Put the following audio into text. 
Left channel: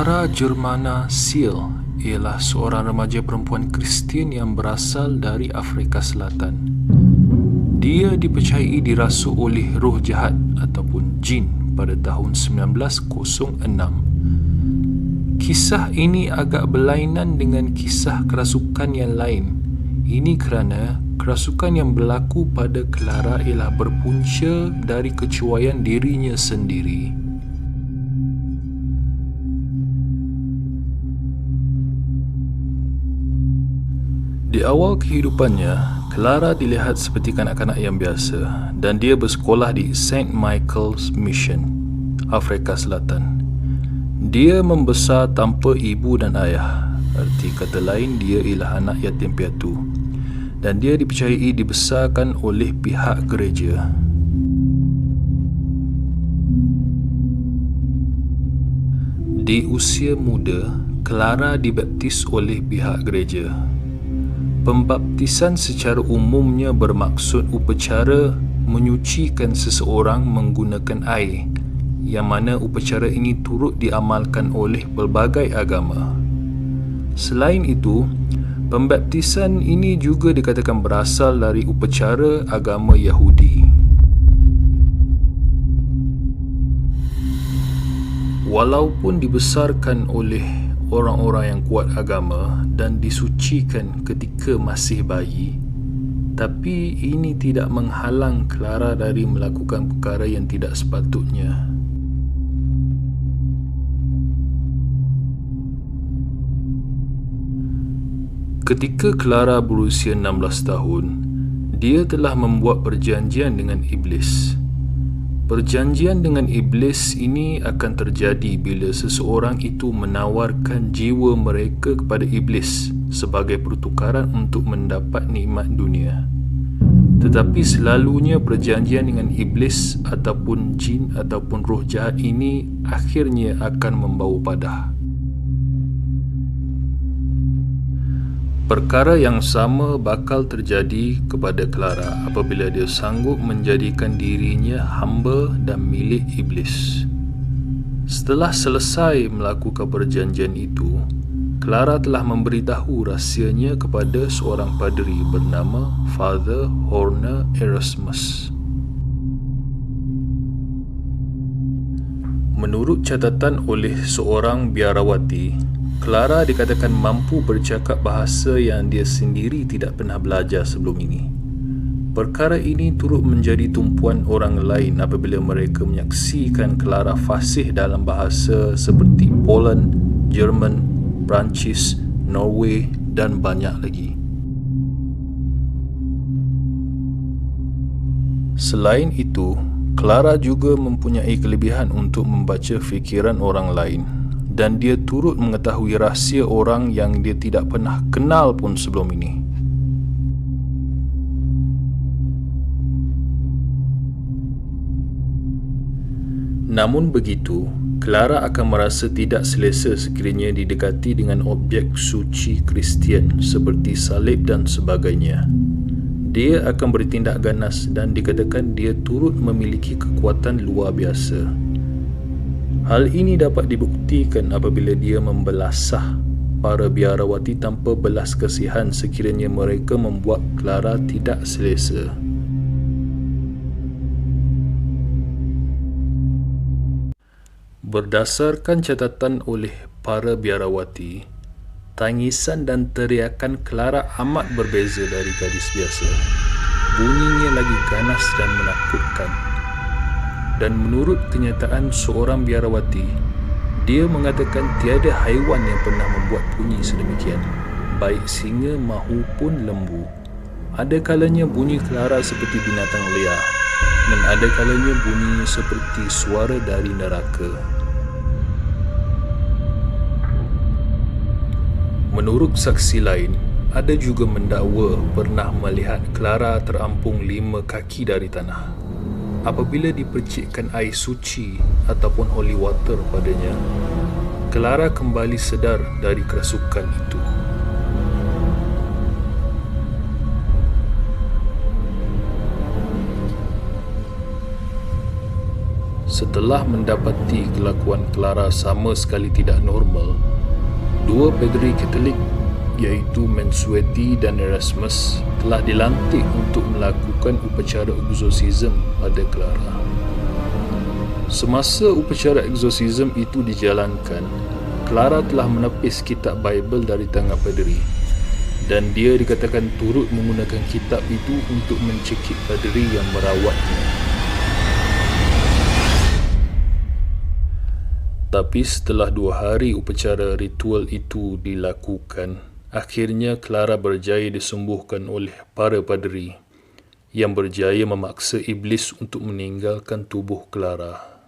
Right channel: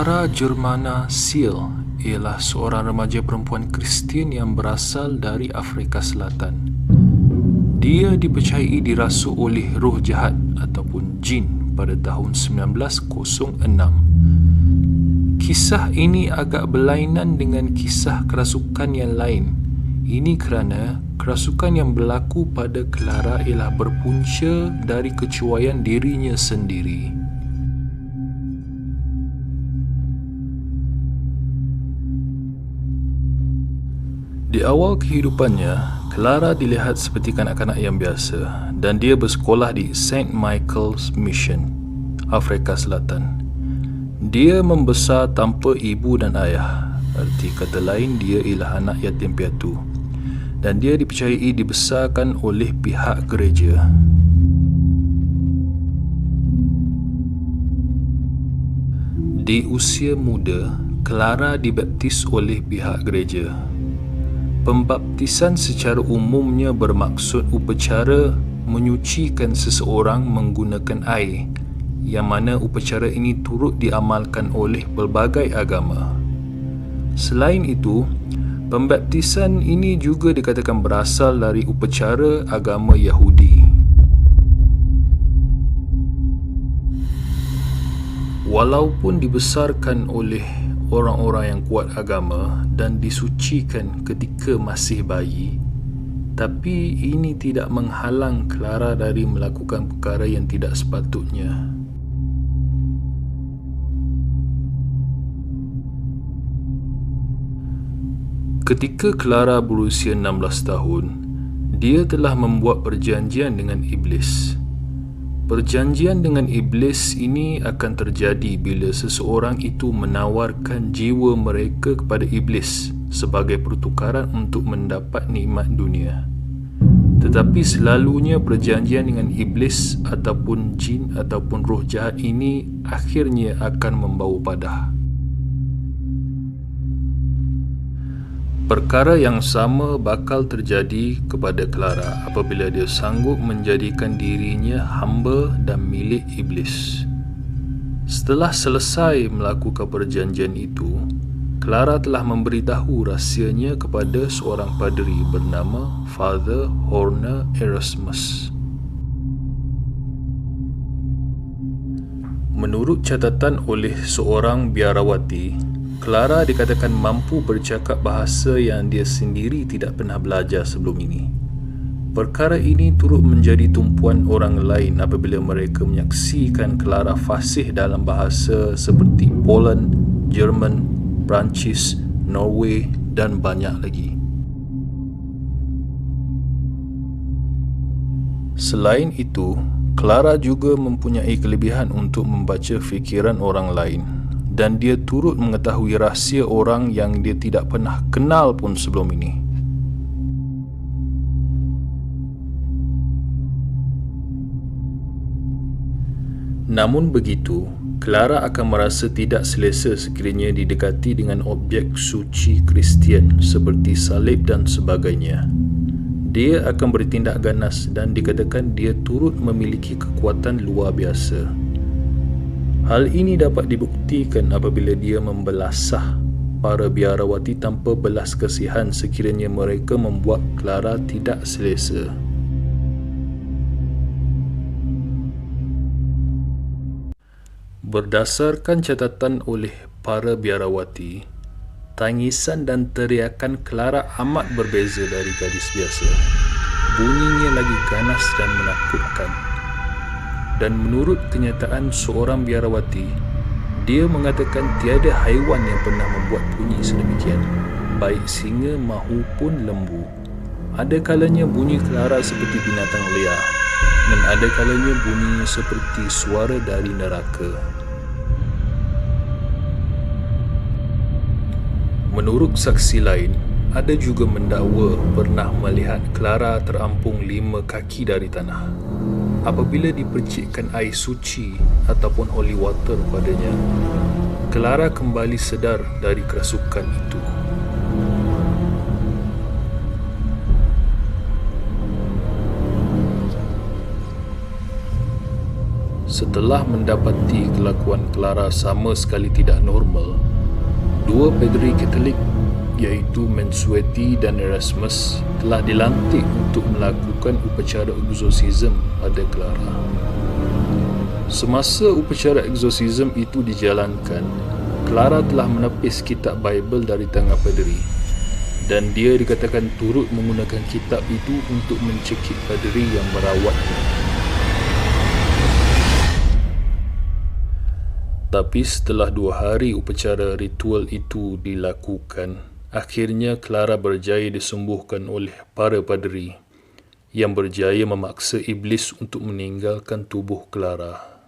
Clara Germana Seal ialah seorang remaja perempuan Kristian yang berasal dari Afrika Selatan. Dia dipercayai dirasuk oleh roh jahat ataupun jin pada tahun 1906. Kisah ini agak berlainan dengan kisah kerasukan yang lain. Ini kerana kerasukan yang berlaku pada Clara ialah berpunca dari kecuaian dirinya sendiri. Di awal kehidupannya, Clara dilihat seperti kanak-kanak yang biasa dan dia bersekolah di St. Michael's Mission, Afrika Selatan. Dia membesar tanpa ibu dan ayah. Arti kata lain, dia ialah anak yatim piatu. Dan dia dipercayai dibesarkan oleh pihak gereja. Di usia muda, Clara dibaptis oleh pihak gereja. Pembaptisan secara umumnya bermaksud upacara menyucikan seseorang menggunakan air, yang mana upacara ini turut diamalkan oleh pelbagai agama. Selain itu, pembaptisan ini juga dikatakan berasal dari upacara agama Yahudi. Walaupun dibesarkan oleh orang-orang yang kuat agama dan disucikan ketika masih bayi, tapi ini tidak menghalang Clara dari melakukan perkara yang tidak sepatutnya. Ketika Clara berusia 16 tahun, dia telah membuat perjanjian dengan iblis. Perjanjian dengan iblis ini akan terjadi bila seseorang itu menawarkan jiwa mereka kepada iblis sebagai pertukaran untuk mendapat nikmat dunia. Tetapi selalunya perjanjian dengan iblis ataupun jin ataupun roh jahat ini akhirnya akan membawa padah. Perkara yang sama bakal terjadi kepada Clara apabila dia sanggup menjadikan dirinya hamba dan milik iblis. Setelah selesai melakukan perjanjian itu, Clara telah memberitahu rahsianya kepada seorang padri bernama Father Horner Erasmus. Menurut catatan oleh seorang biarawati, Clara dikatakan mampu bercakap bahasa yang dia sendiri tidak pernah belajar sebelum ini. Perkara ini turut menjadi tumpuan orang lain apabila mereka menyaksikan Clara fasih dalam bahasa seperti Poland, Jerman, Perancis, Norway dan banyak lagi. Selain itu, Clara juga mempunyai kelebihan untuk membaca fikiran orang lain. Dan dia turut mengetahui rahsia orang yang dia tidak pernah kenal pun sebelum ini. Namun begitu, Clara akan merasa tidak selesa sekiranya didekati dengan objek suci Kristian seperti salib dan sebagainya. Dia akan bertindak ganas dan dikatakan dia turut memiliki kekuatan luar biasa. Hal ini dapat dibuktikan apabila dia membelasah para biarawati tanpa belas kasihan sekiranya mereka membuat Clara tidak selesa. Berdasarkan catatan oleh para biarawati, tangisan dan teriakan Clara amat berbeza dari gadis biasa. Bunyinya lagi ganas dan menakutkan. Dan menurut kenyataan seorang biarawati, dia mengatakan tiada haiwan yang pernah membuat bunyi sedemikian, baik singa maupun lembu. Ada kalanya bunyi Clara seperti binatang liar, dan ada kalanya bunyinya seperti suara dari neraka. Menurut saksi lain, ada juga mendakwa pernah melihat Clara terampung 5 kaki dari tanah. Apabila dipercikkan air suci ataupun holy water padanya, Clara kembali sedar dari kerasukan itu. Setelah mendapati kelakuan Clara sama sekali tidak normal, dua padri Katolik iaitu Mansuetti dan Erasmus telah dilantik untuk melakukan upacara eksorsisme pada Clara. Semasa upacara eksorsisme itu dijalankan, Clara telah menepis kitab Bible dari tangan padri dan dia dikatakan turut menggunakan kitab itu untuk mencekik padri yang merawatnya. Tapi setelah 2 hari upacara ritual itu dilakukan, akhirnya Clara berjaya disembuhkan oleh para padri yang berjaya memaksa iblis untuk meninggalkan tubuh Clara.